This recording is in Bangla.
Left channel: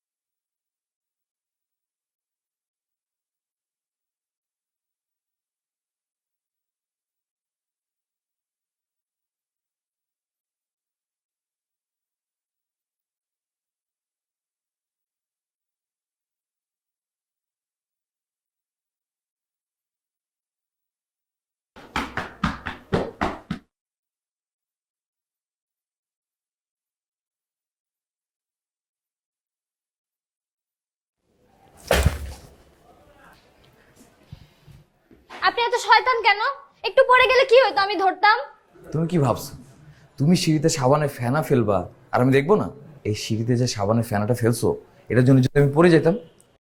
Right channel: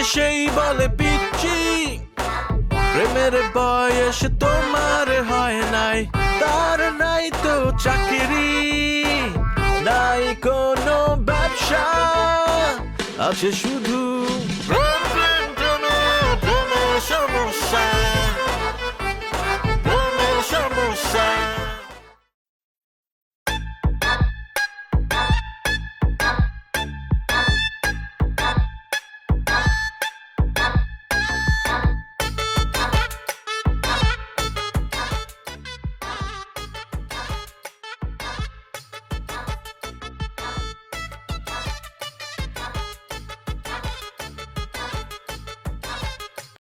আছে সেই বলে পিচ্ছি, প্রেমের বয়স তোমার হয় নাই, তার নাই তো চাকরি, নাই কোনো ব্যবসা, আছে শুধু প্রেম, প্রেম, প্রেমের সমস্যা, প্রেমের সমস্যা। আপনি এত শয়তান কেন? একটু পরে গেলে কি হতো, আমি ধরতাম। তুমি কি ভাবছো তুমি সিঁড়িতে সাবানে ফেনা ফেলবা আর আমি দেখবো না? এই সিঁড়িতে যে সাবানে ফেনাটা ফেলছো এটার জন্য যদি আমি পড়ে যেতাম